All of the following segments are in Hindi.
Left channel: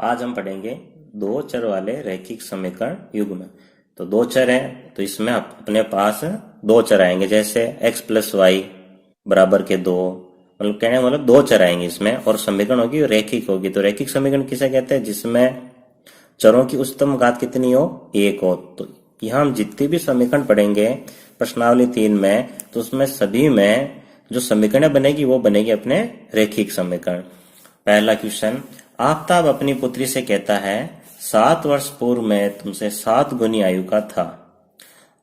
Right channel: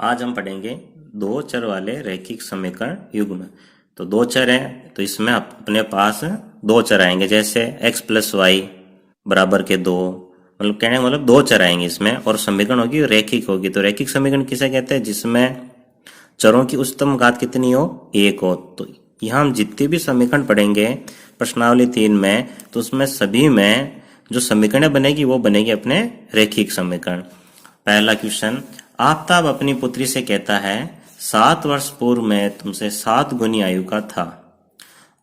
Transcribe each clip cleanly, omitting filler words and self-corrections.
आज हम पढ़ेंगे दो चर वाले रैखिक समीकरण युग्म। तो दो चर है तो इसमें अपने पास दो चर आएंगे, जैसे x प्लस वाई बराबर के दो, मतलब कहने का मतलब दो चर आएंगे इसमें, और समीकरण होगी रैखिक होगी। तो रैखिक समीकरण किसे कहते हैं? जिसमें चरों की उच्चतम घात कितनी हो? एक हो। तो यहाँ हम जितने भी समीकरण पढ़ेंगे प्रश्नावली 3 में, तो उसमें सभी में जो समीकरण बनेगी वो बनेगी अपने रैखिक समीकरण। पहला क्वेश्चन, आफताब अपनी पुत्री से कहता है 7 वर्ष पूर्व में तुमसे 7 गुनी आयु का था।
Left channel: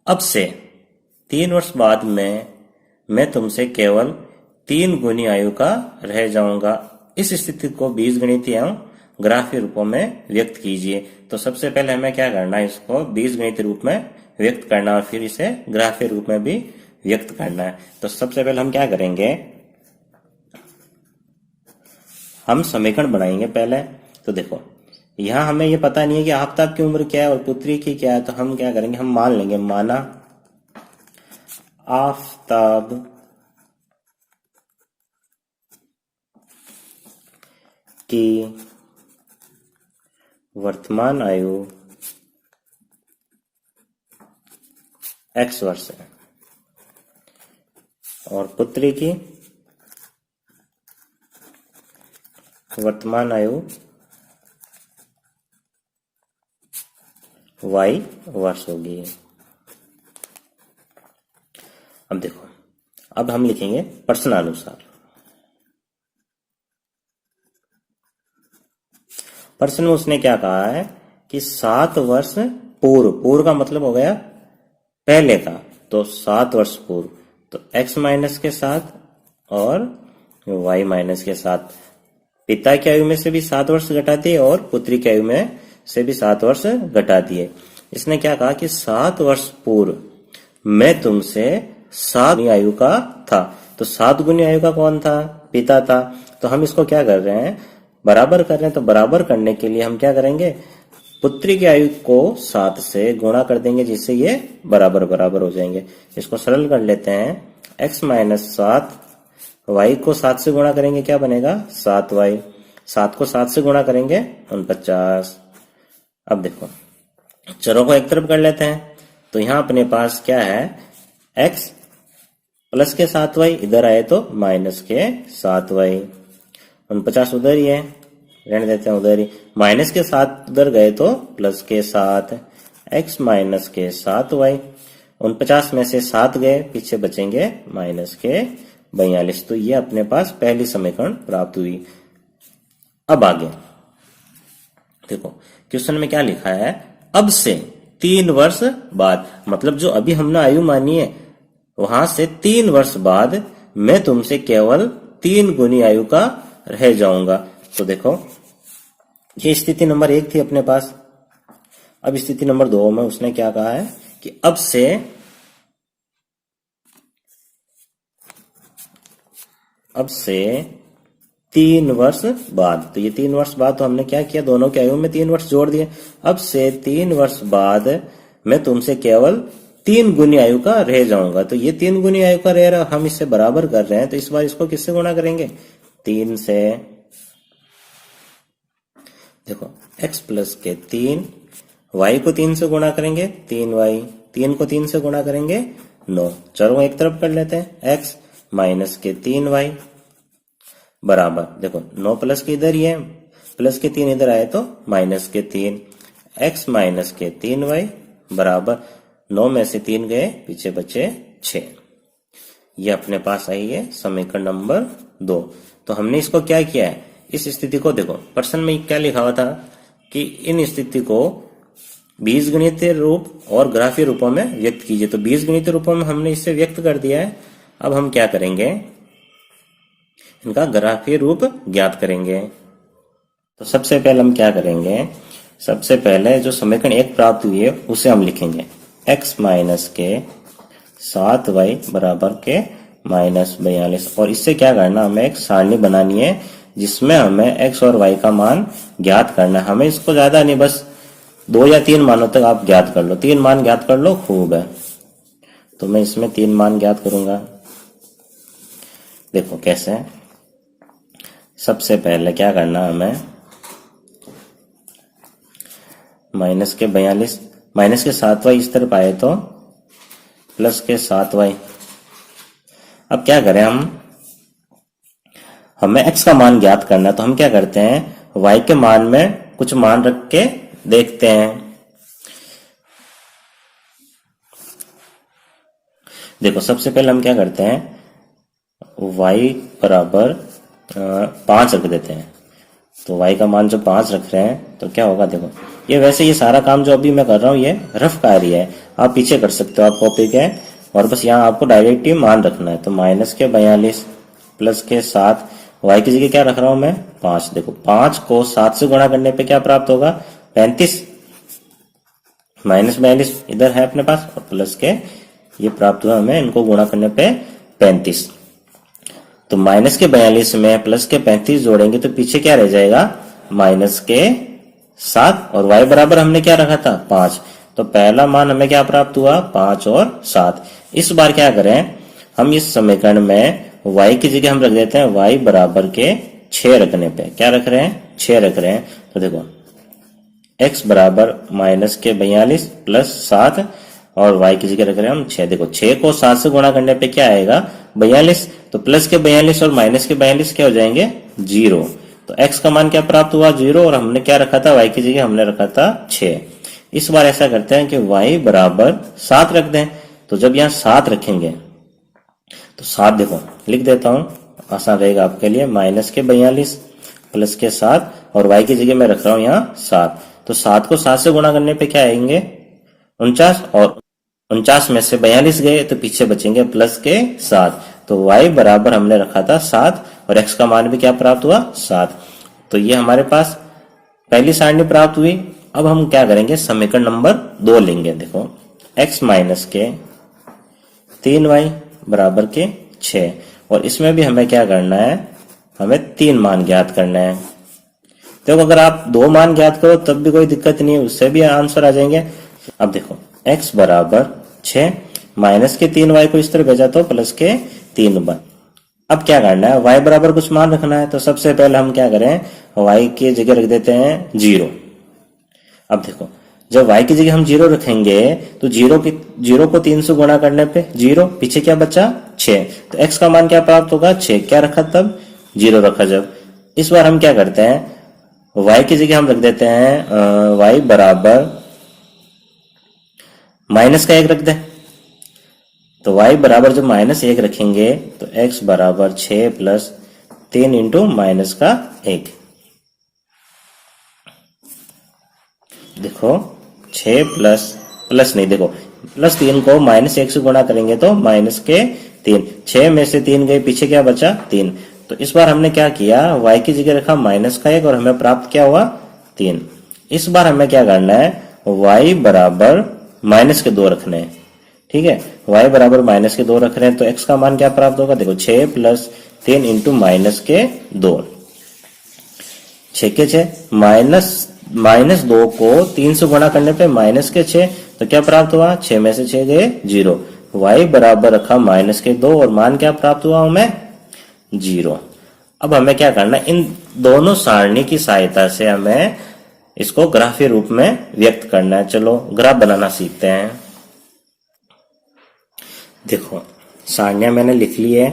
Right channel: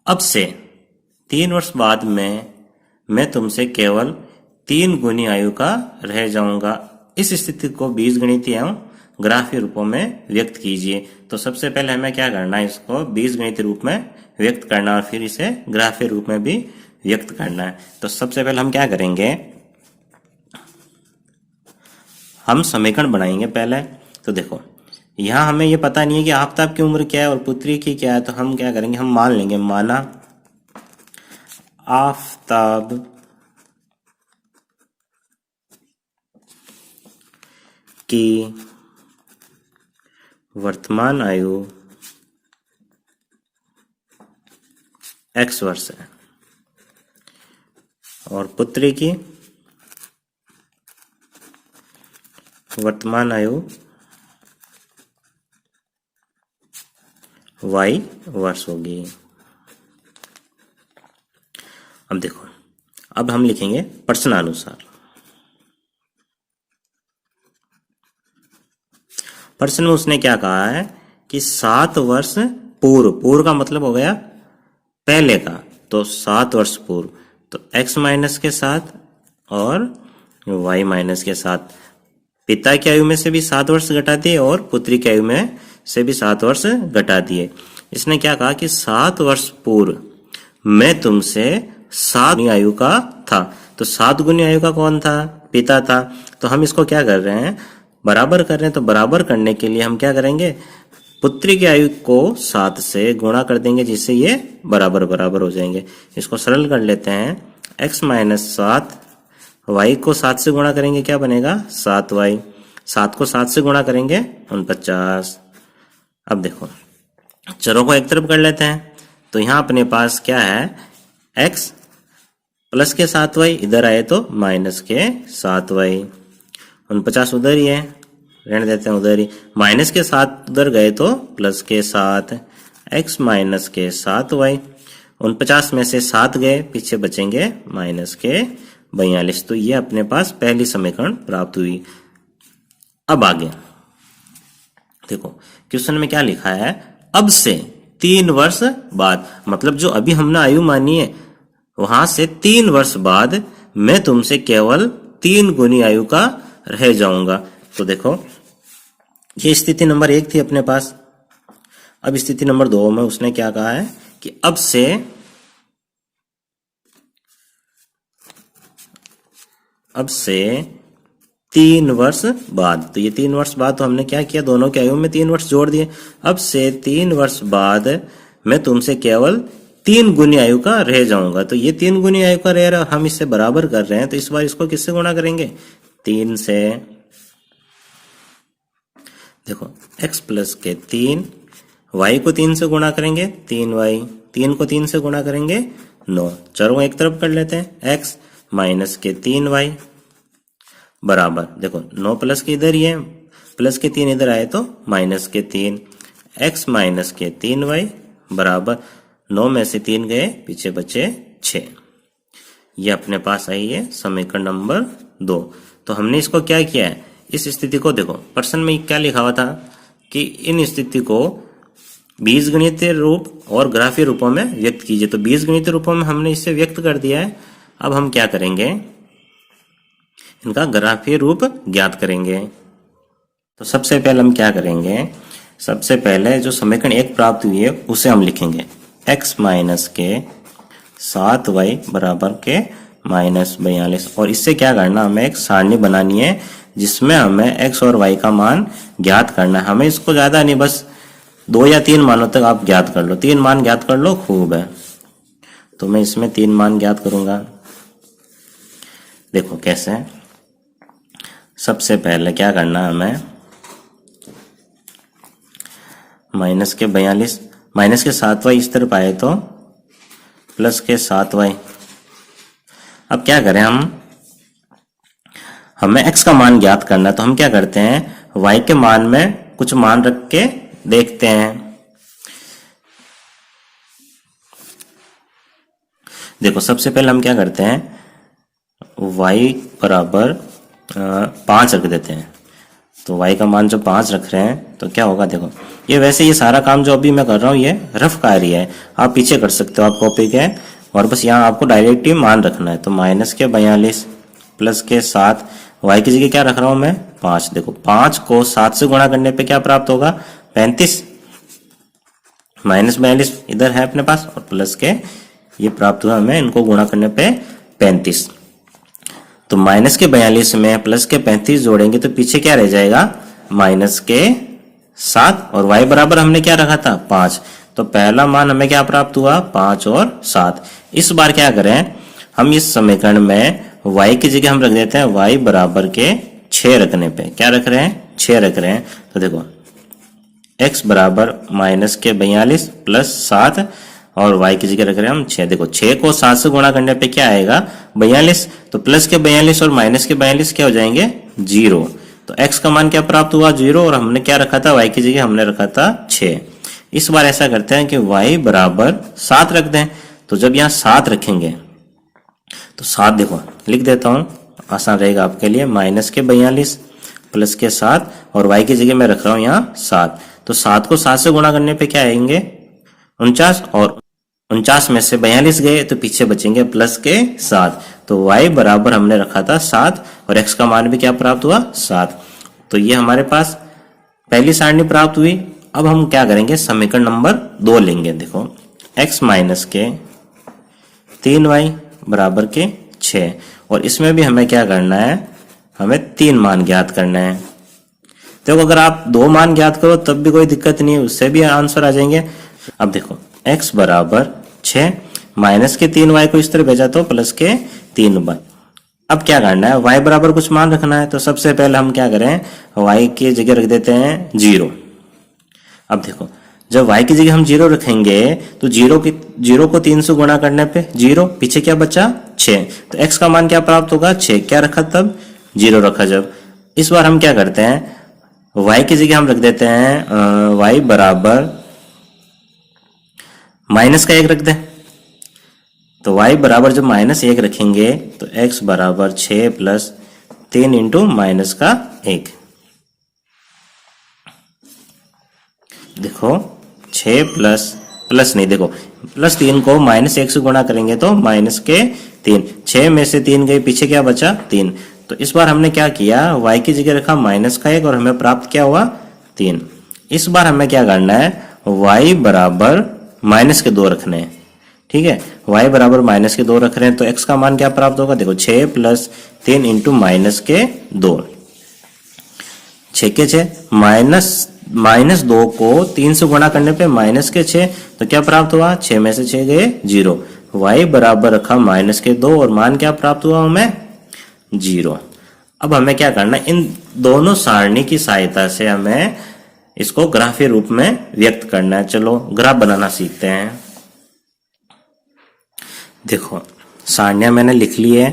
अब से 3 वर्ष बाद में मैं तुमसे केवल 3 गुनी आयु का रह जाऊंगा। इस स्थिति को बीजगणितीय एवं ग्राफीय रूपों में व्यक्त कीजिए। तो सबसे पहले हमें क्या करना है? इसको बीजगणितीय रूप में व्यक्त करना और फिर इसे ग्राफीय रूप में भी व्यक्त करना है। तो सबसे पहले हम क्या करेंगे? हम समीकरण बनाएंगे पहले। तो देखो, यहां हमें ये पता नहीं है कि आफताब की उम्र क्या है और पुत्री की क्या है। तो हम क्या करेंगे? हम मान लेंगे, माना आफताब की वर्तमान आयु x वर्ष है और पुत्री की वर्तमान आयु y वर्ष होगी। अब देखो, अब हम लिखेंगे प्रश्नानुसार। प्रश्न में उसने क्या कहा है कि 7 वर्ष पूर्व, पूर्व का मतलब हो गया पहले का, तो 7 वर्ष पूर्व, तो x माइनस के साथ और y माइनस के साथ पिता की आयु में से भी 7 वर्ष घटा दिए और पुत्री की आयु में से भी 7 वर्ष घटा दिए। इसने क्या कहा कि 7 वर्ष पूर्व मैं तुमसे 7 गुनी आयु का था। तो 7 गुनी आयु का कौन था? पिता था। तो हम इसको क्या कर रहे हैं? बराबर कर रहे हैं। तो बराबर करने के लिए हम क्या करेंगे? पुत्री की आयु को 7 से गुणा कर देंगे, जिससे ये बराबर बराबर हो जाएंगे। इसको सरल कर लेते हैं। x माइनस 7, y को 7 से गुणा करेंगे, क्या बनेगा? 7y। 7 को 7 से गुणा करेंगे 49। अब देखो, चरों को एक तरफ कर लेते हैं। तो यहां अपने पास क्या है? x प्लस के 7y, इधर आए तो माइनस के 7y। 49 उधर ही है, रहने देते हैं उधर ही। माइनस के 7 उधर गए तो प्लस के 7, x माइनस के 7y। 49 में से 7 गए, पीछे बचेंगे माइनस के 42। तो ये अपने पास पहली समीकरण प्राप्त हुई। अब आगे देखो, क्वेश्चन में क्या लिखा है? अब से 3 वर्ष बाद, मतलब जो अभी हमने आयु मानी है वहां से 3 वर्ष बाद मैं तुमसे केवल 3 गुनी आयु का रह जाऊंगा। तो देखो, ये स्थिति नंबर 1 थी अपने पास। अब स्थिति नंबर 2 में उसने क्या कहा है कि अब से 3 वर्ष बाद। तो ये 3 वर्ष बाद, तो हमने क्या किया? दोनों की आयु में 3 वर्ष जोड़ दिए। अब से 3 वर्ष बाद मैं तुमसे केवल 3 गुनी आयु का रह जाऊंगा। तो ये 3 गुनी आयु का रह रहा, हम इससे बराबर कर रहे हैं। तो इस बार इसको किससे गुणा करेंगे? 3 से। देखो, x प्लस के 3, y को 3 से गुणा करेंगे 3y, 3 को 3 से गुणा करेंगे 9। चरों को एक तरफ कर लेते हैं। x माइनस के 3y बराबर, देखो 9 प्लस के इधर ही है, प्लस के 3 इधर आए तो माइनस के 3, x माइनस के 3y बराबर 9 में से 3 गए, पीछे बचे 6। ये अपने पास आई है समीकरण नंबर 2। तो हमने इसको क्या किया है? इस स्थिति को देखो, प्रश्न में क्या लिखा हुआ था कि इन स्थिति को बीजगणितीय रूप और ग्राफीय रूपों में व्यक्त कीजिए। तो बीजगणितीय रूपों में हमने इसे व्यक्त कर दिया है। अब हम क्या करेंगे? इनका ग्राफीय रूप ज्ञात करेंगे। तो सबसे पहले हम क्या करेंगे? सबसे पहले जो समीकरण 1 प्राप्त हुई है उसे हम लिखेंगे x माइनस के 7y बराबर के माइनस 42। और इससे क्या करना? हमें एक सारणी बनानी है जिसमें हमें x और y का मान ज्ञात करना है। हमें इसको ज्यादा नहीं, बस 2 या 3 मानों तक आप ज्ञात कर लो। 3 मान ज्ञात कर लो, खूब है। तो मैं इसमें 3 मान ज्ञात करूंगा। देखो कैसे। सबसे पहले क्या करना है हमें? माइनस के 42, माइनस के 7y इस तरफ आए तो प्लस के 7y। अब क्या करें हमें x का मान ज्ञात करना, तो हम क्या करते हैं y के मान में कुछ मान रख के देखते हैं। देखो सबसे पहले हम क्या करते हैं, y बराबर 5 रख देते हैं। तो y का मान जो 5 रख रहे हैं तो क्या होगा, देखो ये वैसे ये सारा काम जो अभी मैं कर रहा हूँ ये रफ कार्य है, आप पीछे कर सकते हो, आप कॉपी के, और बस यहाँ आपको डायरेक्ट ही मान रखना है। तो माइनस के 42 प्लस के 7, y की जगह क्या रख रहा हूं मैं 5। देखो 5 को 7 से गुणा करने पे क्या प्राप्त होगा 35, माइनस 42 इधर है अपने पास, और प्लस के ये प्राप्त हुआ हमें, इनको गुणा करने पे 35। तो माइनस के 42 में प्लस के 35 जोड़ेंगे तो पीछे क्या रह जाएगा माइनस के 7, और y बराबर हमने क्या रखा था 5। तो पहला मान हमें क्या प्राप्त हुआ 5 और 7। इस बार क्या करें हम इस समीकरण में y की जगह हम रख देते हैं y बराबर के 6 रखने पे, क्या रख रहे हैं 6 रख रहे हैं। तो देखो x बराबर माइनस के 42 प्लस 7 और y की जगह रख रहे हैं हम 6। देखो 6 को 7 से गुणा करने पे क्या आएगा 42, तो प्लस के 42 और माइनस के 42 क्या हो जाएंगे 0। तो x का मान क्या प्राप्त हुआ 0, और हमने क्या रखा था y की जगह हमने रखा था 6। इस बार ऐसा करते हैं कि y बराबर 7 रख दें। तो जब यहाँ 7 रखेंगे तो 7 देखो लिख देता हूं, आसान रहेगा आपके लिए, माइनस के 42 प्लस के 7 और y की जगह मैं रख रहा हूं यहाँ 7। तो 7 को 7 से गुणा करने पे क्या आएंगे 49, और 49 में से 42 गए तो पीछे बचेंगे प्लस के 7। तो y बराबर हमने रखा था 7 और x का मान भी क्या प्राप्त हुआ 7। तो ये हमारे पास पहली सारणी प्राप्त हुई। अब हम क्या करेंगे समीकरण नंबर 2 लेंगे। देखो x माइनस के 3y बराबर के 6, और इसमें भी हमें क्या करना है हमें 3 मान ज्ञात करना है। तो अगर आप 2 मान ज्ञात करो तब भी कोई दिक्कत नहीं है, उससे भी आंसर आ जाएंगे। अब देखो x बराबर 6, माइनस के 3y को इस तरह भेजा तो प्लस के 3y। अब क्या करना है y बराबर कुछ मान रखना है, तो सबसे पहले हम क्या करें y की जगह रख देते हैं 0। अब देखो जब y की जगह हम 0 रखेंगे तो 0 को 3 से गुणा करने पे 0, पीछे क्या बचा 6। तो x का मान क्या प्राप्त होगा 6, क्या रखा तब 0 रखा जब। इस बार हम क्या करते हैं y की जगह हम रख देते हैं y बराबर माइनस का 1 रख दें। तो y बराबर जब माइनस 1 रखेंगे तो x बराबर 6 प्लस 3 इंटू माइनस का 1। देखो 6 प्लस नहीं, देखो प्लस 3 को माइनस 1 से गुणा करेंगे तो माइनस के 3, 6 में से 3 गए पीछे क्या बचा 3। तो इस बार हमने क्या किया y की जगह रखा माइनस का 1 और हमें प्राप्त क्या हुआ 3। इस बार हमें क्या करना है y बराबर माइनस के 2 रखने हैं। ठीक है, y बराबर माइनस के 2 रख रहे हैं तो x का मान क्या प्राप्त होगा, देखो 6 प्लस 3 इंटू माइनस के 2, 6 के 6, माइनस 2 को 3 से गुणा करने पे माइनस के 6, तो क्या प्राप्त हुआ 6 में से 6 गए 0। y बराबर रखा माइनस के 2 और मान क्या प्राप्त हुआ हमें 0। अब हमें क्या करना है इन दोनों सारणी की सहायता से हमें इसको ग्राफीय रूप में व्यक्त करना है। चलो ग्राफ बनाना सीखते हैं। देखो सारणियां मैंने लिख ली है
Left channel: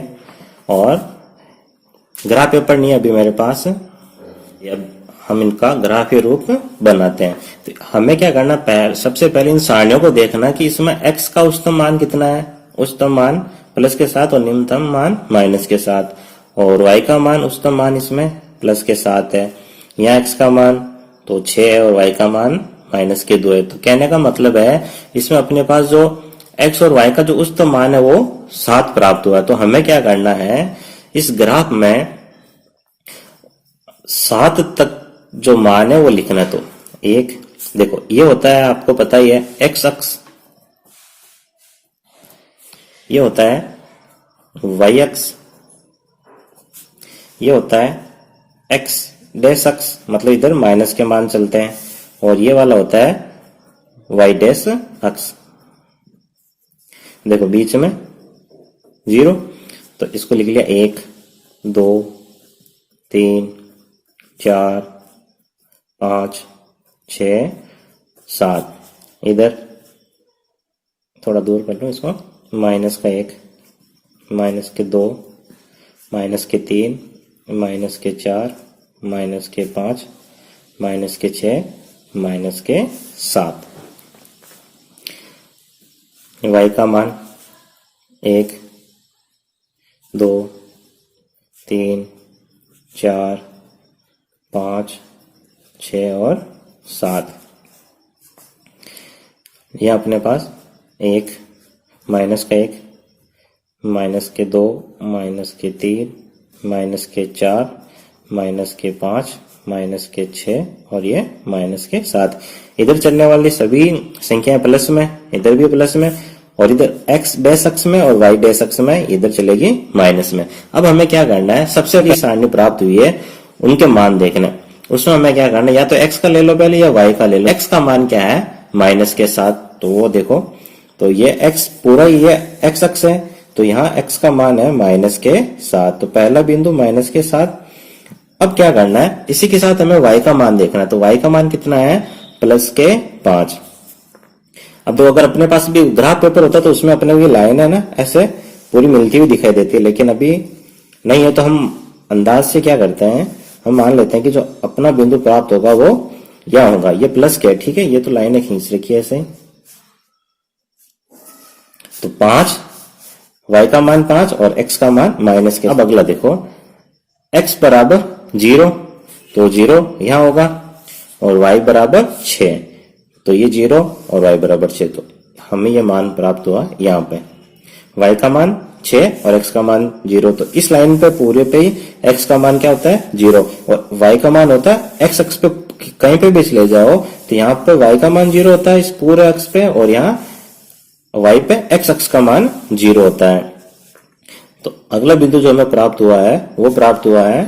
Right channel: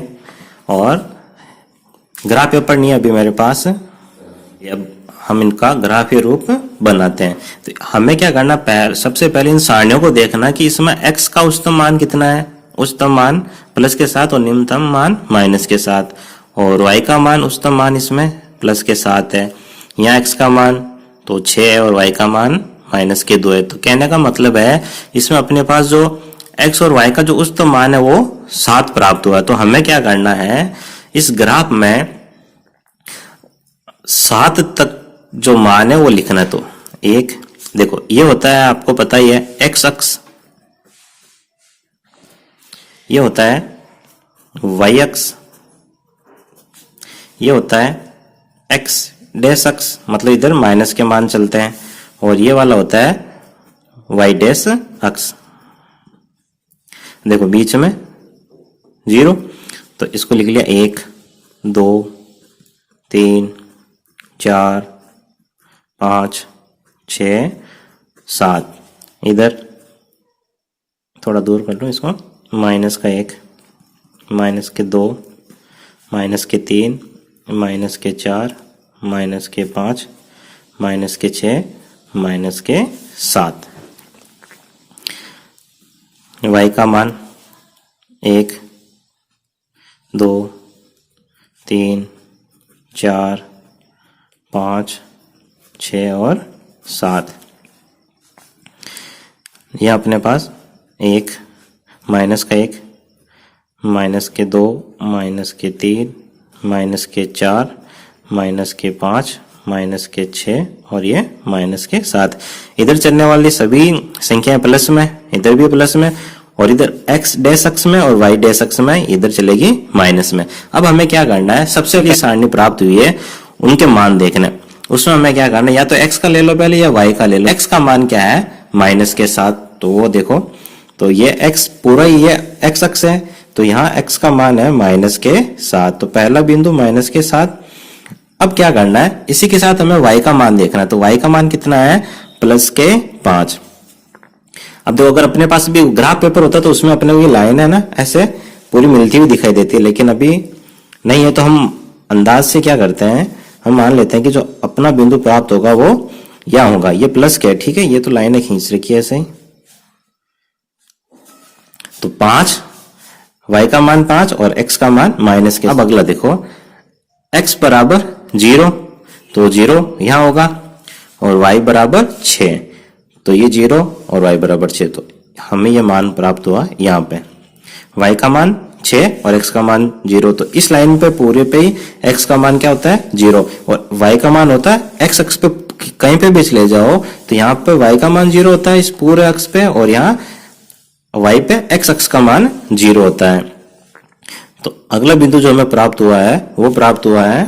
और ग्राफ पेपर नहीं है अभी मेरे पास, अब हम इनका ग्राफीय रूप बनाते हैं। तो हमें क्या करना सबसे पहले इन सारणियों को देखना कि इसमें x का उच्चतम मान कितना है, उच्चतम मान प्लस के साथ और निम्नतम मान माइनस के साथ, और y का मान उच्चतम मान इसमें प्लस के साथ है। यहाँ x का मान तो 6 है और y का मान माइनस के 2 है। तो कहने का मतलब है इसमें अपने पास जो x और y का जो उच्चतम मान है वो 7 प्राप्त हुआ है। तो हमें क्या करना है इस ग्राफ में 7 तक जो मान है वो लिखना है। तो एक देखो ये होता है आपको पता ही है x अक्ष, ये होता है y अक्ष, ये होता है x डैश अक्ष, मतलब इधर माइनस के मान चलते हैं, और ये वाला होता है y डैश अक्ष। देखो बीच में 0, तो इसको लिख लिया 1 2 3 4 5 6 7, इधर थोड़ा दूर कर लूँ इसको, माइनस का 1, माइनस के 2, माइनस के 3, माइनस के 4, माइनस के 5, माइनस के 6, माइनस के 7। y का मान 1, 2, 3, 4, 5, 6 और 7। यह अपने पास 1, माइनस का 1, माइनस के 2, माइनस के 3, माइनस के 4, माइनस के 5, माइनस के 6 और ये माइनस के 7। इधर चलने वाली सभी संख्याएं प्लस में, इधर भी प्लस में, और इधर x डैश अक्ष में और y डैश अक्ष में इधर चलेगी माइनस में। अब हमें क्या करना है, सबसे पहले सारणी प्राप्त हुई है उनके मान देखने, उसमें हमें क्या करना है, या तो x का ले लो पहले या y का ले लो। x का मान क्या है, माइनस के 7, तो वो देखो, तो ये x पूरा ये x अक्ष है, तो यहाँ x का मान है माइनस के 7, तो पहला बिंदु माइनस के 7। अब क्या करना है, इसी के साथ हमें y का मान देखना है, तो y का मान कितना है, प्लस के 5। अब देखो, अगर अपने पास भी ग्राफ पेपर होता तो उसमें अपने को ये लाइन है ना ऐसे पूरी मिलती हुई दिखाई देती है, लेकिन अभी नहीं है, तो हम अंदाज से क्या करते हैं, हम मान लेते हैं कि जो अपना बिंदु प्राप्त होगा वो यह होगा, ये प्लस क्या है, ठीक है, ये तो लाइनें खींच रखी है ऐसे ही। तो 5, y का मान 5 और x का मान माइनस के। अब अगला देखो, x बराबर 0, तो 0 यहां होगा, और y बराबर 6, तो ये 0 और y बराबर 6, तो हमें ये मान प्राप्त हुआ यहाँ पे, y का मान 6 और x का मान 0। तो इस लाइन पे पूरे पे ही x का मान क्या होता है, 0, और y का मान होता है x अक्ष पे कहीं पे भी ले जाओ तो यहाँ पे y का मान 0 होता है इस पूरे अक्ष पे, और यहाँ y पे x अक्ष का मान 0 होता है। तो अगला बिंदु जो हमें प्राप्त हुआ है वो प्राप्त हुआ है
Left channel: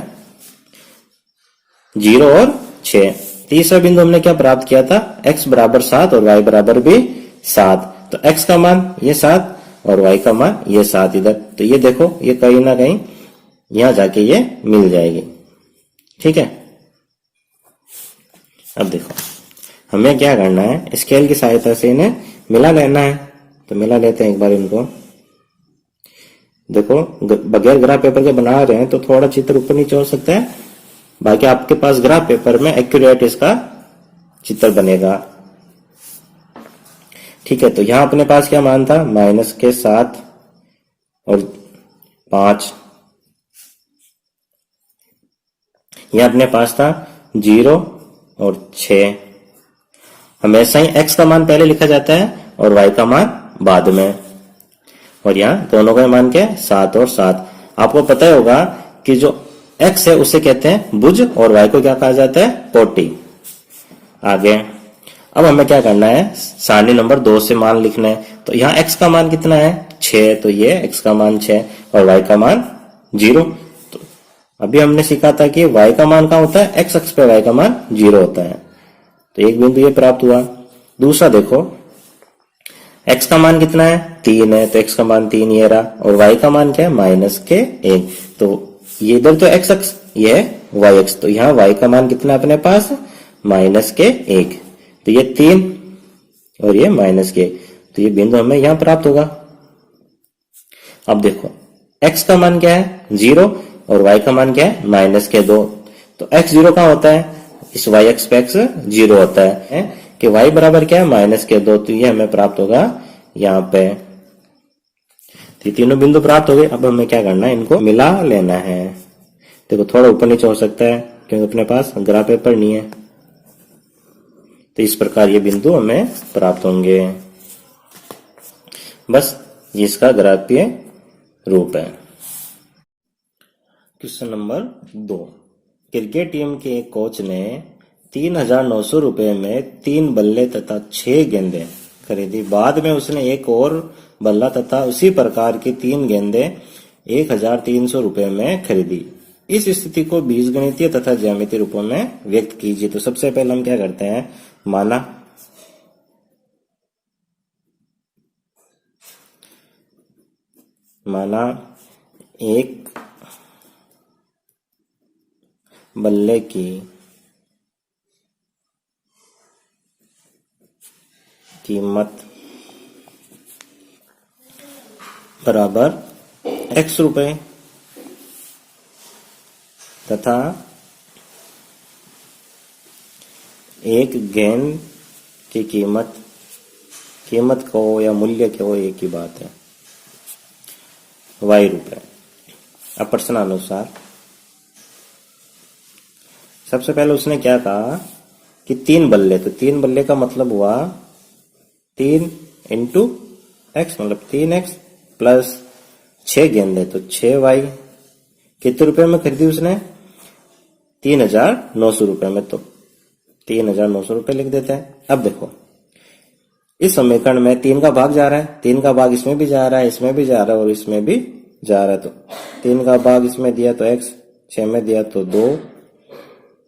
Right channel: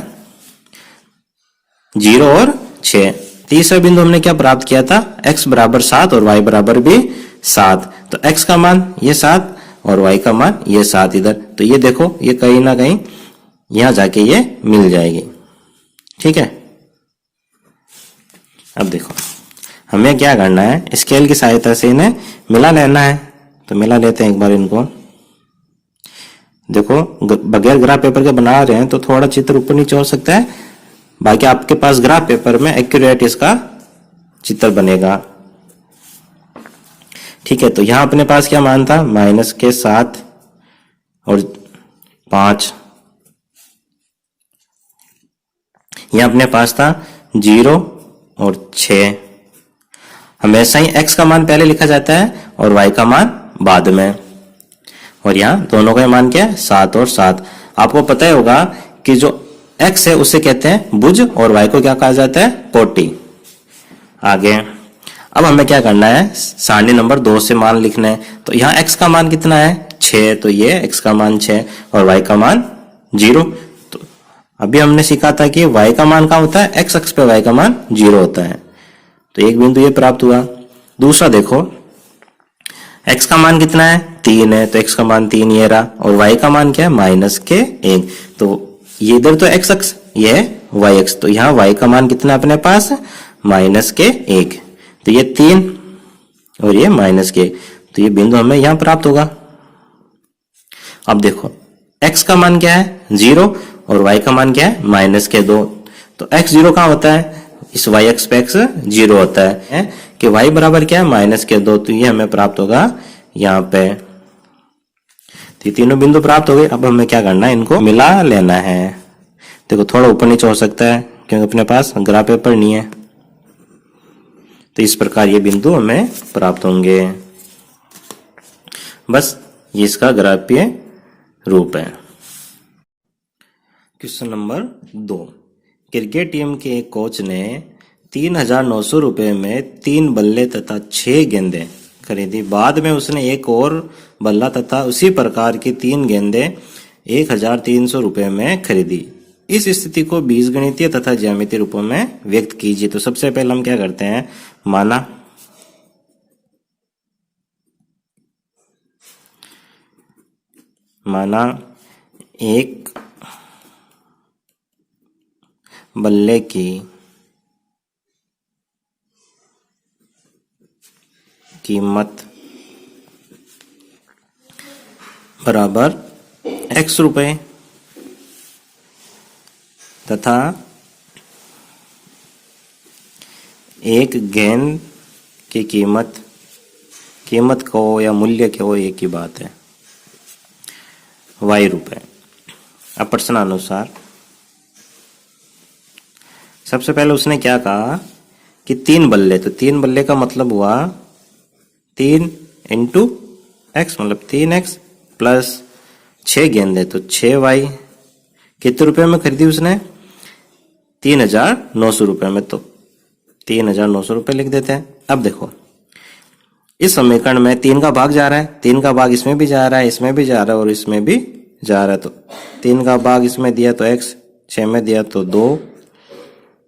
0 और 6। तीसरा बिंदु हमने क्या प्राप्त किया था, x बराबर 7 और y बराबर भी 7, तो x का मान ये 7 और y का मान ये 7 इधर, तो ये देखो ये कहीं ना कहीं यहां जाके ये मिल जाएगी, ठीक है। अब देखो हमें क्या करना है, स्केल की सहायता से इन्हें मिला लेना है, तो मिला लेते हैं एक बार इनको। देखो बगैर ग्राफ पेपर के बना रहे हैं तो थोड़ा चित्र ऊपर नीचे हो सकता है, बाकी आपके पास ग्राफ पेपर में एक्यूरेट इसका चित्र बनेगा, ठीक है। तो यहां अपने पास क्या मान था, माइनस के 7 और 5, यहां अपने पास था 0 और 6। हमेशा ही x का मान पहले लिखा जाता है और y का मान बाद में, और यहाँ दोनों का मान क्या है, 7 और 7। आपको पता ही होगा कि जो x है उसे कहते हैं भुज और y को क्या कहा जाता है, कोटि। आगे अब हमें क्या करना है, सारणी नंबर 2 से मान लिखने हैं, तो यहाँ x का मान कितना है, 6, तो ये x का मान 6 और y का मान 0। तो अभी हमने सीखा था कि y का मान कहाँ होता है, x अक्ष पे y का मान 0 होता है, तो एक बिंदु ये प्राप्त हुआ। दूसरा देखो, x का मान कितना है, 3 है, तो x का मान 3 ये रहा, और y का मान क्या है, माइनस के 1, तो ये इधर तो x अक्ष, ये y अक्ष, तो यहाँ y का मान कितना अपने पास, माइनस के 1, तो ये 3 और ये माइनस के 1, तो ये बिंदु हमें यहाँ प्राप्त होगा। अब देखो x का मान क्या है, 0, और y का मान क्या है, माइनस के 2, तो x 0 कहाँ होता है, इस y अक्ष पे x 0 होता है कि y बराबर क्या है, माइनस के 2, तो ये हमें प्राप्त होगा यहाँ पे। तो तीनों बिंदु प्राप्त हो गए। अब हमें क्या करना है, इनको मिला लेना है। देखो थोड़ा ऊपर नीचे हो सकता है क्योंकि अपने पास ग्राफ पेपर नहीं है, तो इस प्रकार ये बिंदु हमें प्राप्त होंगे। बस ये इसका ग्राफीय रूप है। क्वेश्चन नंबर 2, क्रिकेट टीम के एक कोच ने 3,900 रुपए में 3 बल्ले तथा 6 गेंदें खरीदी। बाद में उसने एक और बल्ला तथा उसी प्रकार की 3 गेंदें 1,300 रुपए में खरीदी। इस स्थिति को बीजगणितीय तथा ज्यामितीय रूपों में व्यक्त कीजिए। तो सबसे पहले हम क्या करते हैं, माना एक बल्ले की कीमत बराबर x रुपए तथा एक गेंद की कीमत को या मूल्य को एक ही बात है y रुपए। अब प्रश्नानुसार सबसे पहले उसने क्या कहा कि 3 बल्ले, तो 3 बल्ले का मतलब हुआ 3 इंटू एक्स मतलब 3x प्लस 6 गेंदे तो 6y। कितने रुपए में खरीदी उसने? 3,900 रुपए में, तो 3,900 रुपए लिख देते हैं। अब देखो इस समीकरण में 3 का भाग जा रहा है, 3 का भाग इसमें भी जा रहा है, इसमें भी जा रहा है और इसमें भी जा रहा है। तो 3 का भाग इसमें दिया तो x, 6 में दिया तो 2,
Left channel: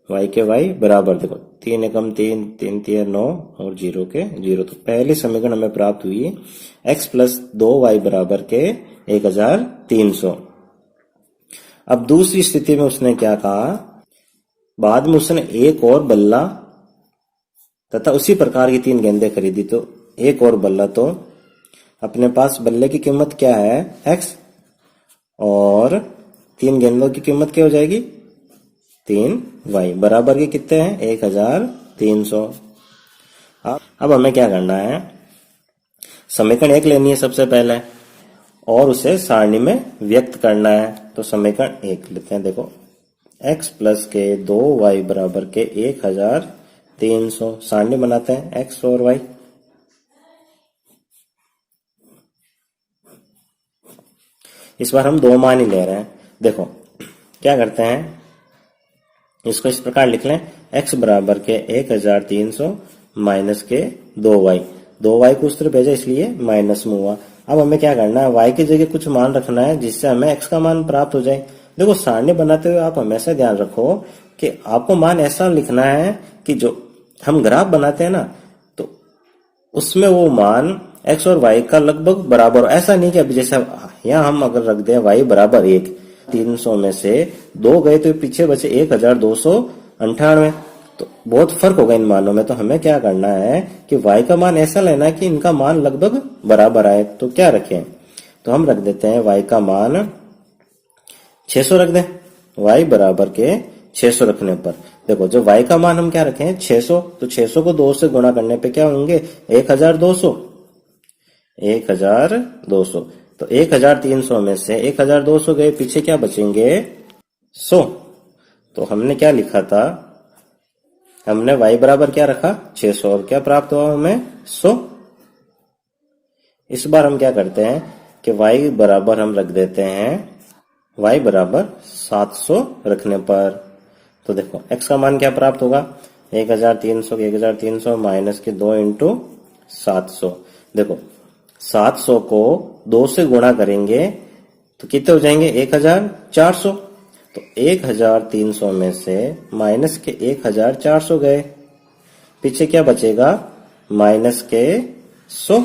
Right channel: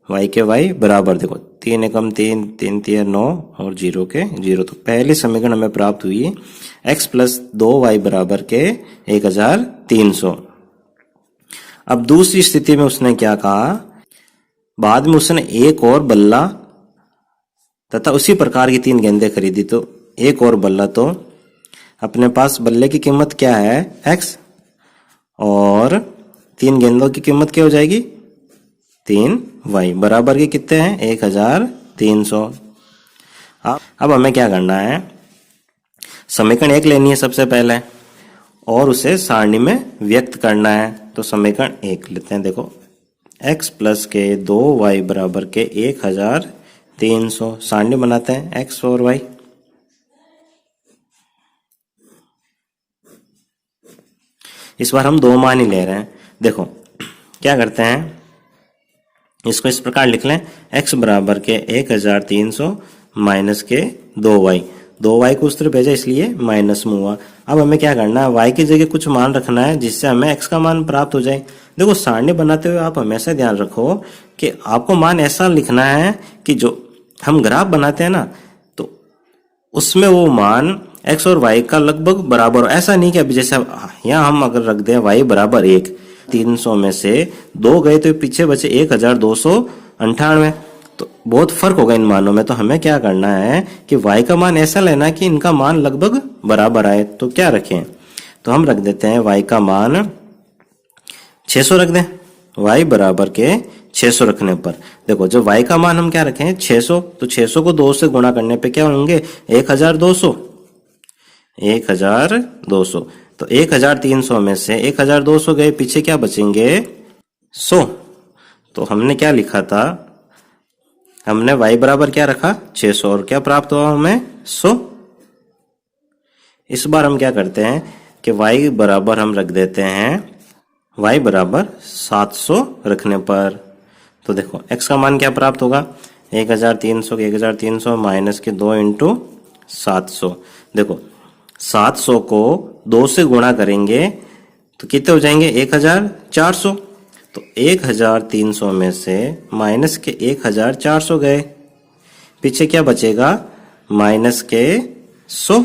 y के y बराबर देखो 3 एकम 3, 3 तिया 9 और 0 के 0। तो पहले समीकरण हमें प्राप्त हुई x प्लस 2y बराबर के 1,300। अब दूसरी स्थिति में उसने क्या कहा, बाद में उसने एक और बल्ला तथा उसी प्रकार की 3 गेंदें खरीदी। तो एक और बल्ला, तो अपने पास बल्ले की कीमत क्या है x और 3 गेंदों की कीमत क्या हो जाएगी 3y बराबर के कितने हैं 1,300। अब हमें क्या करना है, समीकरण 1 लेनी है सबसे पहले और उसे सारणी में व्यक्त करना है। तो समीकरण 1 लेते हैं। देखो x प्लस के 2y बराबर के 1,300 सारणी बनाते हैं x और y। इस बार हम 2 मान ही ले रहे हैं। देखो क्या करते हैं, इसको इस प्रकार लिख लें x बराबर के 1,300 माइनस के 2y। 2y को उस तरफ भेजा इसलिए माइनस में हुआ। अब हमें क्या करना है, y की जगह कुछ मान रखना है जिससे हमें x का मान प्राप्त हो जाए। देखो सारणी बनाते हुए आप हमेशा ध्यान रखो कि आपको मान ऐसा लिखना है कि जो हम ग्राफ बनाते हैं ना तो उसमें वो मान x और y का लगभग बराबर। ऐसा नहीं कि अभी जैसे यहाँ हम अगर रख दें y बराबर 1, 300 में से 2 गए तो पीछे बचे 1,298, तो बहुत फर्क होगा इन मानों में। तो हमें क्या करना है कि y का मान ऐसा लेना कि इनका मान लगभग बराबर आए। तो क्या रखें, तो हम रख देते हैं y का मान 600 रख दें। y बराबर के 600 रखने पर देखो जब y का मान हम क्या रखें 600, तो 600 को 2 से गुणा करने पे क्या होंगे 1,200। तो 1,300 में से 1,200 गए, पीछे क्या बचेंगे 100। तो हमने क्या लिखा था, हमने y बराबर क्या रखा 600 और क्या प्राप्त हुआ हमें 100। इस बार हम क्या करते हैं कि y बराबर हम रख देते हैं y बराबर 700 रखने पर। तो देखो x का मान क्या प्राप्त होगा 1,300 माइनस के 2 इंटू 700। देखो 700 को 2 से गुणा करेंगे तो कितने हो जाएंगे 1,400। तो 1,300 में से माइनस के 1,400 गए, पीछे क्या बचेगा माइनस के 100।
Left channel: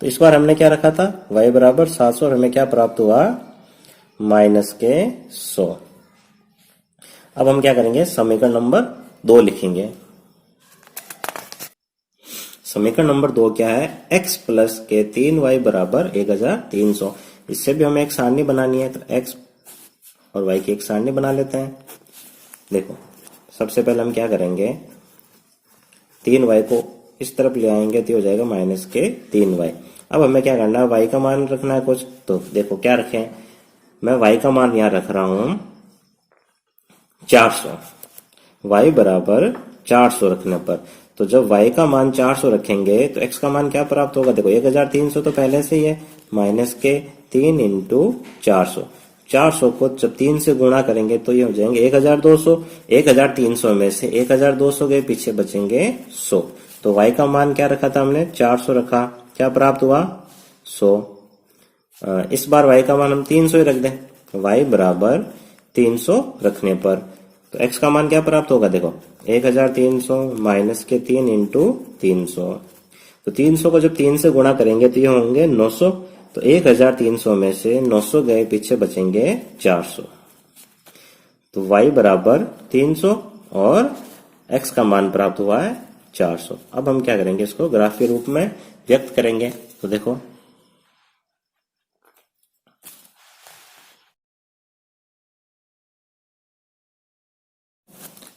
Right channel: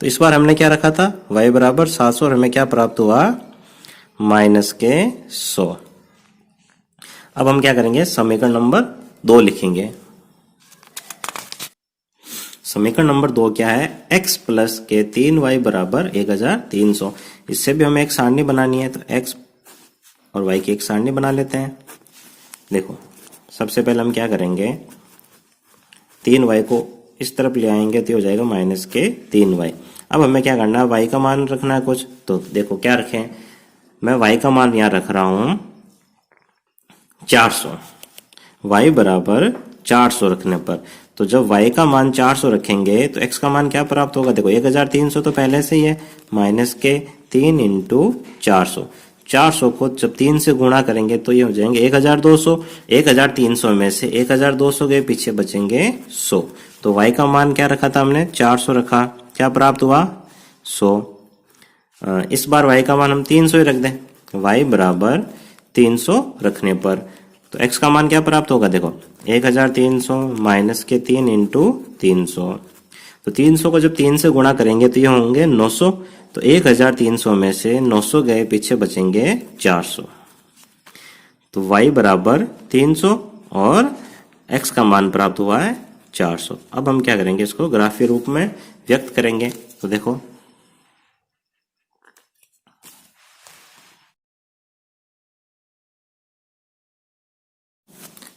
तो इस बार हमने क्या रखा था y बराबर 700 और हमें क्या प्राप्त हुआ माइनस के 100। अब हम क्या करेंगे समीकरण नंबर 2 लिखेंगे। समीकरण नंबर 2 क्या है, x प्लस के 3y बराबर 1,300। इससे भी हमें एक सारणी बनानी है, तो x और y की एक सारणी बना लेते हैं। देखो सबसे पहले हम क्या करेंगे 3y को इस तरफ ले आएंगे तो हो जाएगा माइनस के 3y। अब हमें क्या करना है y का मान रखना है कुछ। तो देखो क्या रखें, मैं y का मान यहां रख रहा हूं 400। y बराबर 400 रखने पर तो जब y का मान 400 रखेंगे तो x का मान क्या प्राप्त होगा, देखो 1,300 तो पहले से ही है, माइनस के 3 इंटू 400। 400 को जब 3 से गुणा करेंगे तो ये हो जाएंगे 1,200। 1,300 में से 1,200 गए, पीछे बचेंगे 100। तो y का मान क्या रखा था हमने 400 रखा, क्या प्राप्त हुआ 100। इस बार y का मान हम 300 ही रख दें। y बराबर 300 रखने पर तो x का मान क्या प्राप्त होगा, देखो 1,300 माइनस के 3 इंटू 300। तो 300 को जब 3 से गुणा करेंगे तो ये होंगे 900। तो 1,300 में से 900 गए, पीछे बचेंगे 400। तो y बराबर 300 और x का मान प्राप्त हुआ है 400। अब हम क्या करेंगे, इसको ग्राफ के रूप में व्यक्त करेंगे। तो देखो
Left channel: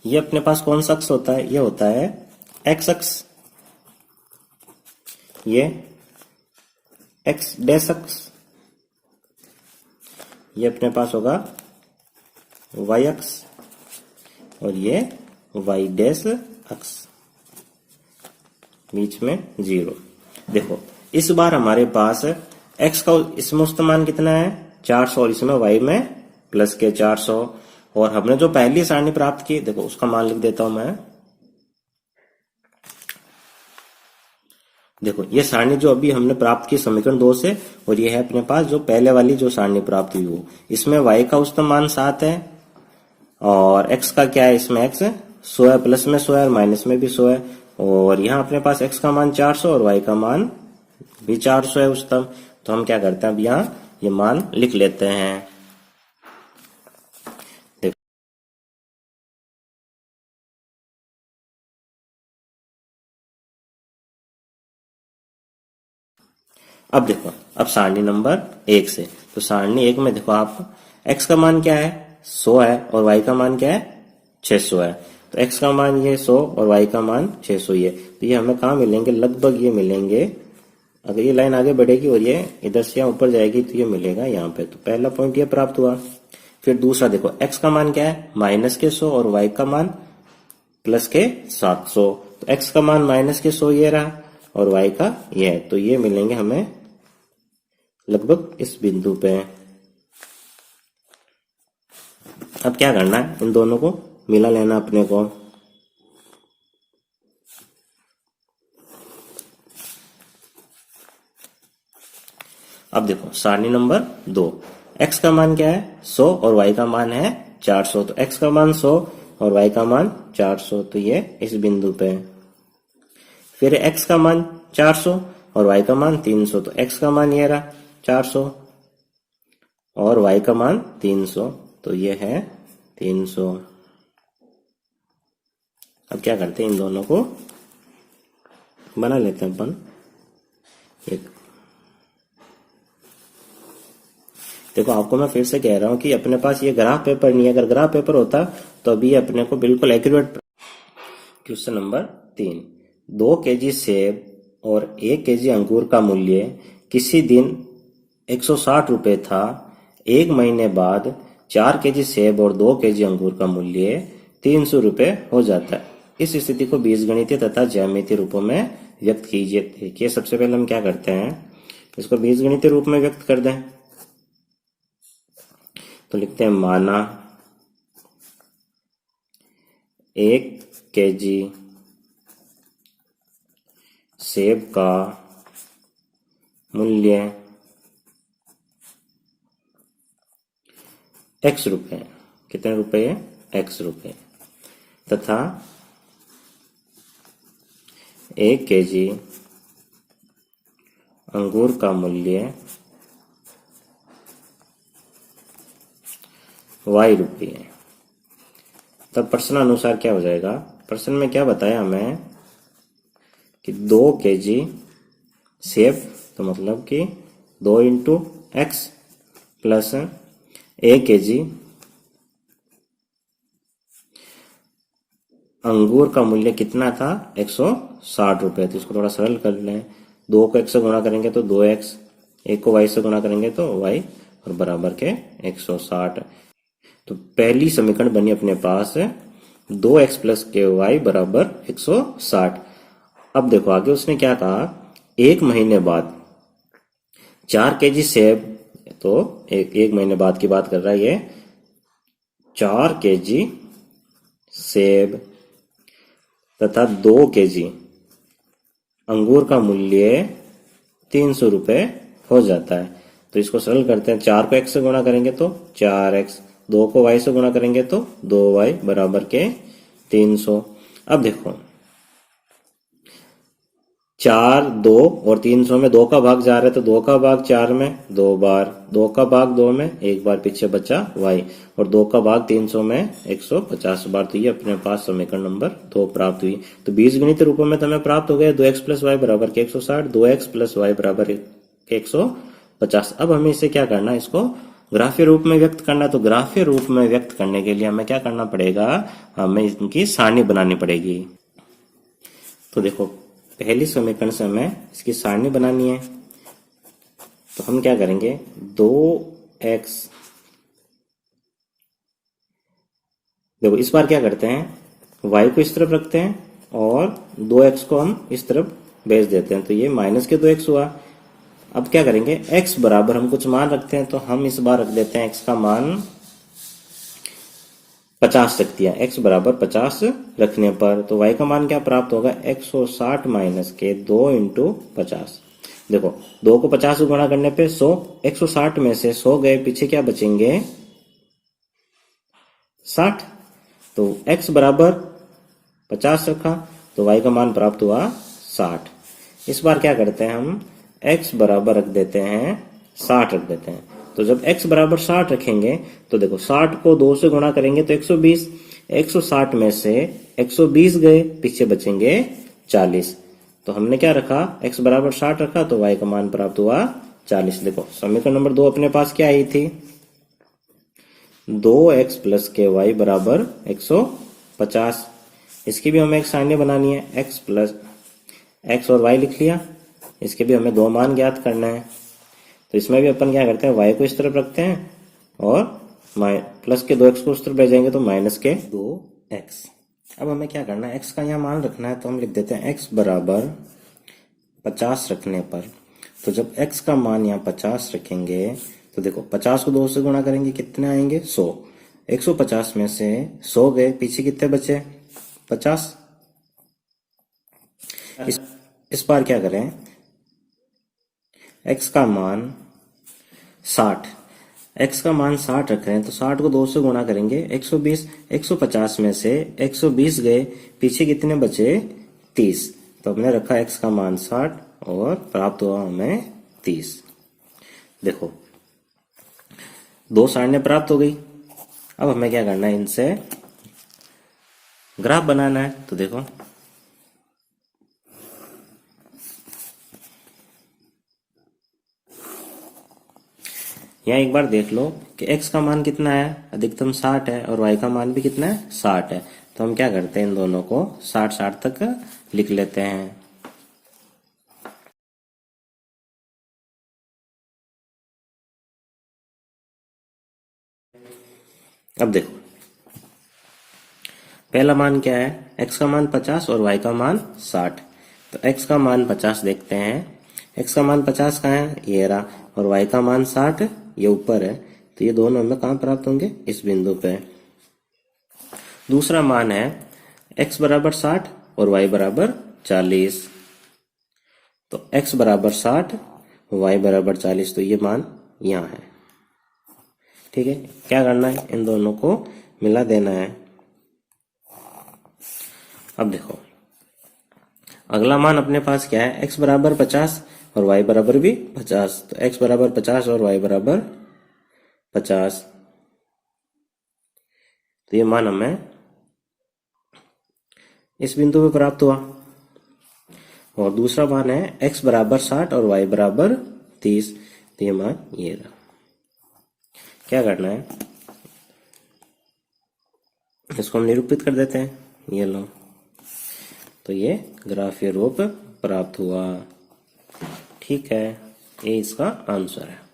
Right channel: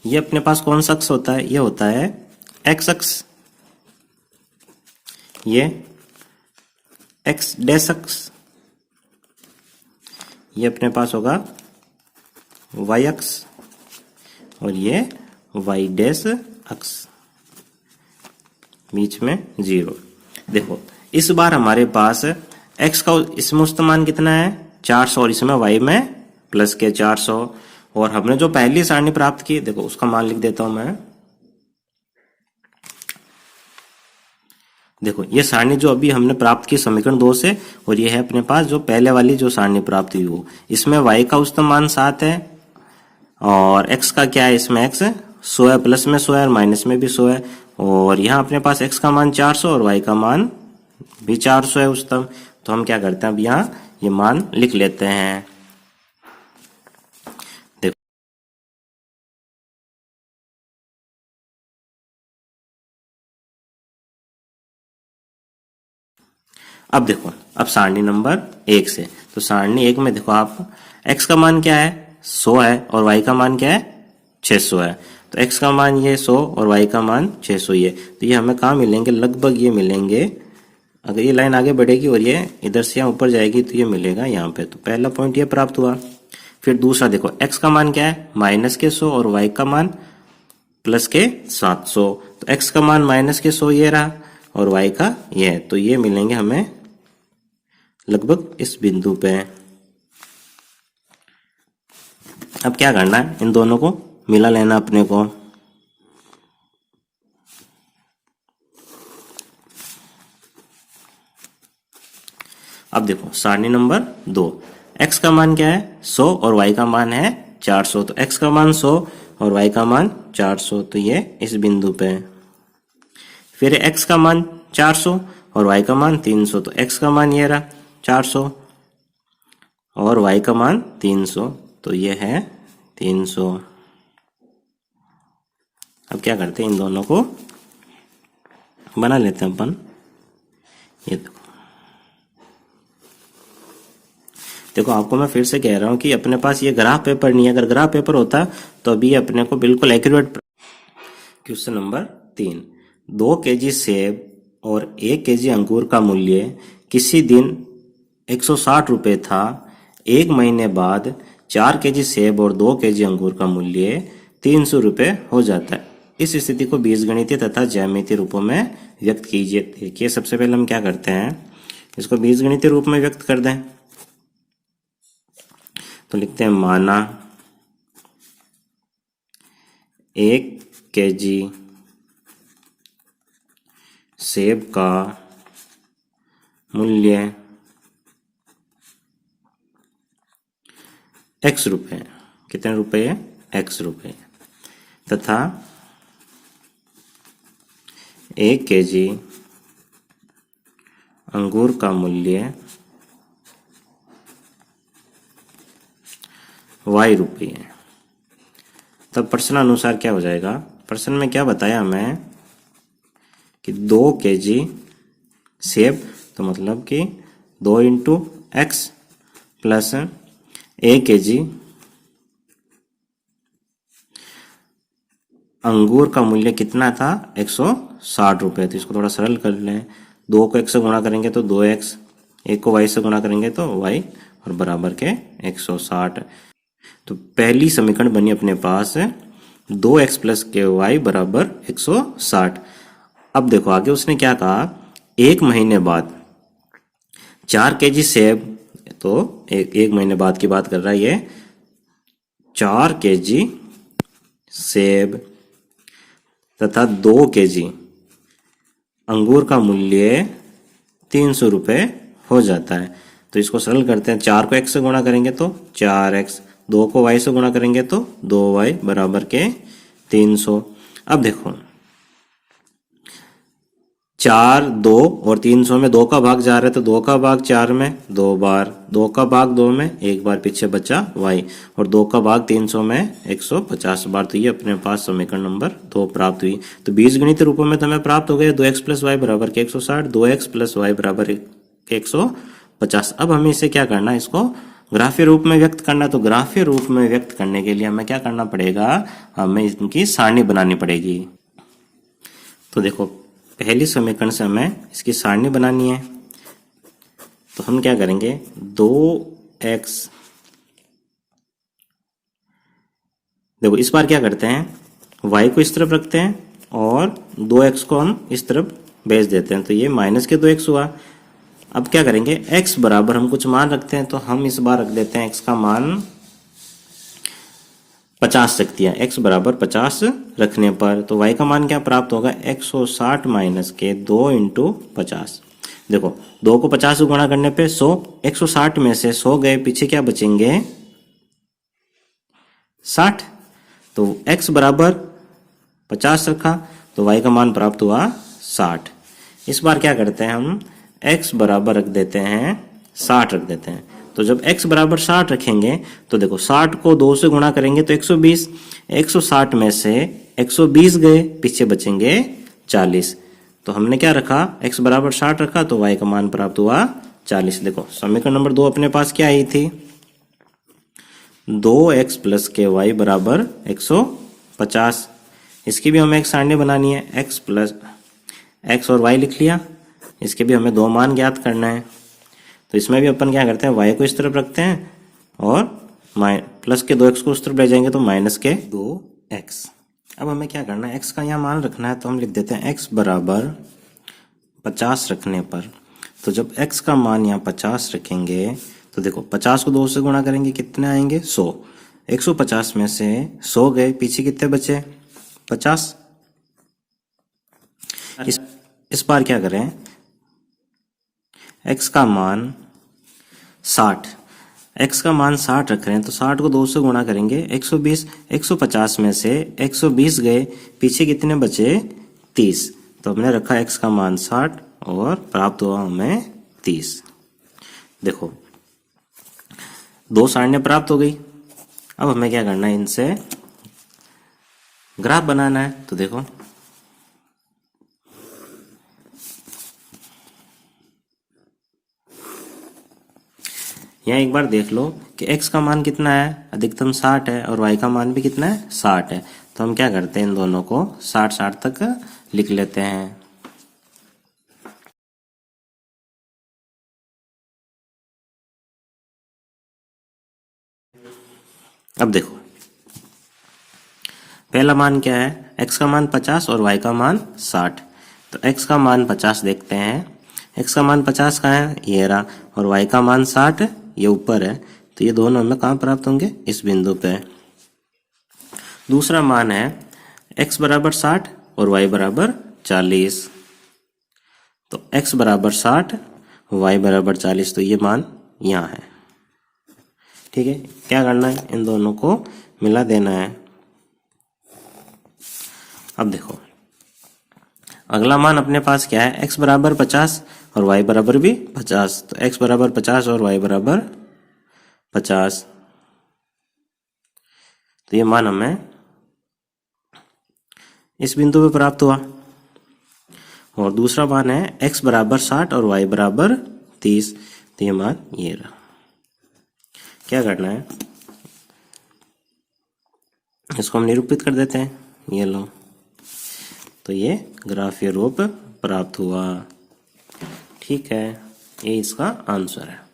ये अपने पास कौन सा अक्ष होता है, ये होता है एक्स अक्ष, ये एक्स डैश अक्ष, ये अपने पास होगा वाई अक्ष और ये वाई डैश अक्ष, बीच में 0। देखो इस बार हमारे पास x का इसमें औसत मान कितना है 400 और इसमें y में प्लस के 400। और हमने जो पहली सारणी प्राप्त की, देखो उसका मान लिख देता हूं मैं। देखो ये सारणी जो अभी हमने प्राप्त की समीकरण 2 से, और ये है अपने पास जो पहले वाली जो सारणी प्राप्त हुई वो, इसमें y का औसत मान 7 है और x का क्या है, इसमें x 100 है, प्लस में 100 है और माइनस में भी 100 है। और यहाँ अपने पास x का मान 400 और y का मान भी 400 है उच्चतम। तो हम क्या करते हैं, अब यहाँ ये मान लिख लेते हैं। देखो अब देखो, अब सारणी नंबर 1 से, तो सारणी 1 में देखो आप x का मान क्या है 100 है और y का मान क्या है 600 है। तो x का मान ये 100 और y का मान 600 ही है। तो ये हमें कहाँ मिलेंगे, लगभग ये मिलेंगे, अगर ये लाइन आगे बढ़ेगी और ये इधर से यहाँ ऊपर जाएगी तो ये मिलेगा यहाँ पे। तो पहला पॉइंट ये प्राप्त हुआ। फिर दूसरा देखो x का मान क्या है माइनस के 100 और y का मान प्लस के 700। तो x का मान माइनस के 100 ये रहा और y का ये है, तो ये मिलेंगे हमें लगभग इस बिंदु पे। अब क्या करना है, इन दोनों को मिला लेना अपने को। अब देखो सारणी नंबर 2, x का मान क्या है 100 और y का मान है 400। तो x का मान 100 और y का मान 400, तो ये इस बिंदु पे। फिर x का मान 400 और y का मान 300। तो x का मान ये रहा 400 और y का मान 300, तो ये है 300। अब क्या करते हैं, इन दोनों को बना लेते हैं अपन। ये देखो आपको मैं फिर से कह रहा हूं कि अपने पास ये ग्राफ पेपर नहीं है। अगर ग्राफ पेपर होता तो अभी अपने को बिल्कुल एक्यूरेट। क्वेश्चन नंबर 3, 2 केजी सेब और 1 केजी अंगूर का मूल्य किसी दिन 160 रुपए था। 1 महीने बाद 4 केजी सेब और 2 केजी अंगूर का मूल्य 300 रुपए हो जाता है। इस स्थिति को बीजगणितीय तथा ज्यामितीय रूपों में व्यक्त कीजिए। देखिए सबसे पहले हम क्या करते हैं, इसको बीजगणितीय रूप में व्यक्त कर दें। तो लिखते हैं माना 1 केजी सेब का मूल्य x रुपए, कितने रुपए है x रुपए, तथा 1 केजी अंगूर का मूल्य y रुपये। तब प्रश्न अनुसार क्या हो जाएगा, प्रश्न में क्या बताया हमें कि 2 केजी सेब, तो मतलब कि 2 इंटू एक्स प्लस 1 केजी अंगूर का मूल्य कितना था 160 रुपए। तो इसको थोड़ा सरल कर लें, 2 को x से गुणा करेंगे तो 2x, 1 को y से गुणा करेंगे तो y और बराबर के 160। तो पहली समीकरण बनी अपने पास 2x प्लस के वाई बराबर 160। अब देखो आगे उसने क्या कहा, 1 महीने बाद 4 केजी सेब, तो एक महीने बाद की बात कर रहा है ये, 4 केजी सेब तथा 2 केजी अंगूर का मूल्य 300 रुपए हो जाता है। तो इसको सरल करते हैं, 4 को x से गुणा करेंगे तो 4x, 2 को y से गुणा करेंगे तो 2y बराबर के 300। अब देखो 4 2 और 300 में 2 का भाग जा रहा है तो 2 का भाग 4 में 2 बार, 2 का भाग 2 में 1 बार पीछे बचा y, और 2 का भाग 300 में 150 बार। तो ये अपने पास समीकरण नंबर 2 प्राप्त हुई। तो बीजगणित रूपों में हमें प्राप्त हो गया 2x प्लस वाई बराबर के 160, 2x प्लस वाई बराबर के 150। अब हमें इसे क्या करना है, इसको ग्राफीय रूप में व्यक्त करना है। तो ग्राफीय रूप में व्यक्त करने के लिए हमें क्या करना पड़ेगा, हमें इनकी सारणी बनानी पड़ेगी। तो देखो पहली समीकरण से हमें इसकी सारणी बनानी है। तो हम क्या करेंगे, 2x, देखो इस बार क्या करते हैं, y को इस तरफ रखते हैं और 2x को हम इस तरफ भेज देते हैं, तो ये माइनस के 2x हुआ। अब क्या करेंगे, x बराबर हम कुछ मान रखते हैं, तो हम इस बार रख देते हैं x का मान 50 रख दिया। x बराबर 50 रखने पर तो y का मान क्या प्राप्त होगा, 160 माइनस के 2 इंटू 50। देखो 2 को 50 से गुणा करने पे 100, 160 में से 100 गए, पीछे क्या बचेंगे 60। तो x बराबर 50 रखा तो y का मान प्राप्त हुआ 60। इस बार क्या करते हैं, हम x बराबर रख देते हैं 60 रख देते हैं। तो जब x बराबर 60 रखेंगे तो देखो 60 को 2 से गुणा करेंगे तो 120, 160 में से 120 गए, पीछे बचेंगे 40। तो हमने क्या रखा, x बराबर 60 रखा तो y का मान प्राप्त हुआ 40। देखो समीकरण नंबर 2 अपने पास क्या आई थी, 2x प्लस के वाई बराबर 150। इसकी भी हमें एक सारणी बनानी है, x प्लस x और y लिख लिया। इसके भी हमें 2 मान ज्ञात करना है। तो इसमें भी अपन क्या करते हैं, y को इस तरफ रखते हैं और प्लस के 2x को उस तरफ ले जाएंगे तो माइनस के 2x। अब हमें क्या करना है, x का यहाँ मान रखना है, तो हम लिख देते हैं x बराबर 50 रखने पर। तो जब x का मान यहाँ 50 रखेंगे तो देखो 50 को 2 से गुणा करेंगे, कितने आएंगे 100, 150 में से 100 गए, पीछे कितने बचे 50। इस बार क्या करें, x का मान 60, x का मान 60 रख रहे हैं तो 60 को 2 से गुणा करेंगे 120, 150 में से 120 गए, पीछे कितने बचे 30। तो हमने रखा x का मान 60 और प्राप्त हुआ हमें 30। देखो 2 सारणियां प्राप्त हो गई। अब हमें क्या करना है, इनसे ग्राफ बनाना है। तो देखो यहाँ एक बार देख लो कि x का मान कितना है, अधिकतम 60 है, और y का मान भी कितना है 60 है। तो हम क्या करते हैं, इन दोनों को 60-60 तक लिख लेते हैं। अब देखो पहला मान क्या है, x का मान 50 और y का मान 60। तो x का मान 50 देखते हैं, x का मान 50 कहाँ है, ये रहा, और y का मान 60 ये ऊपर है। तो ये दोनों हमें कहाँ प्राप्त होंगे, इस बिंदु पे। दूसरा मान है x बराबर 60 और y बराबर 40। तो x बराबर 60, y बराबर 40, तो ये मान यहाँ है। ठीक है, क्या करना है, इन दोनों को मिला देना है। अब देखो अगला मान अपने पास क्या है, x बराबर 50 और y बराबर भी 50। तो x बराबर 50 और y बराबर 50। तो ये मान हमें इस बिंदु पे प्राप्त हुआ। और दूसरा मान है x बराबर 60 और y बराबर 30। तो ये मान ये रहा। क्या करना है, इसको हम निरूपित कर देते हैं, ये लो। तो ये ग्राफीय रूप प्राप्त हुआ। ठीक है, ये इसका आंसर है।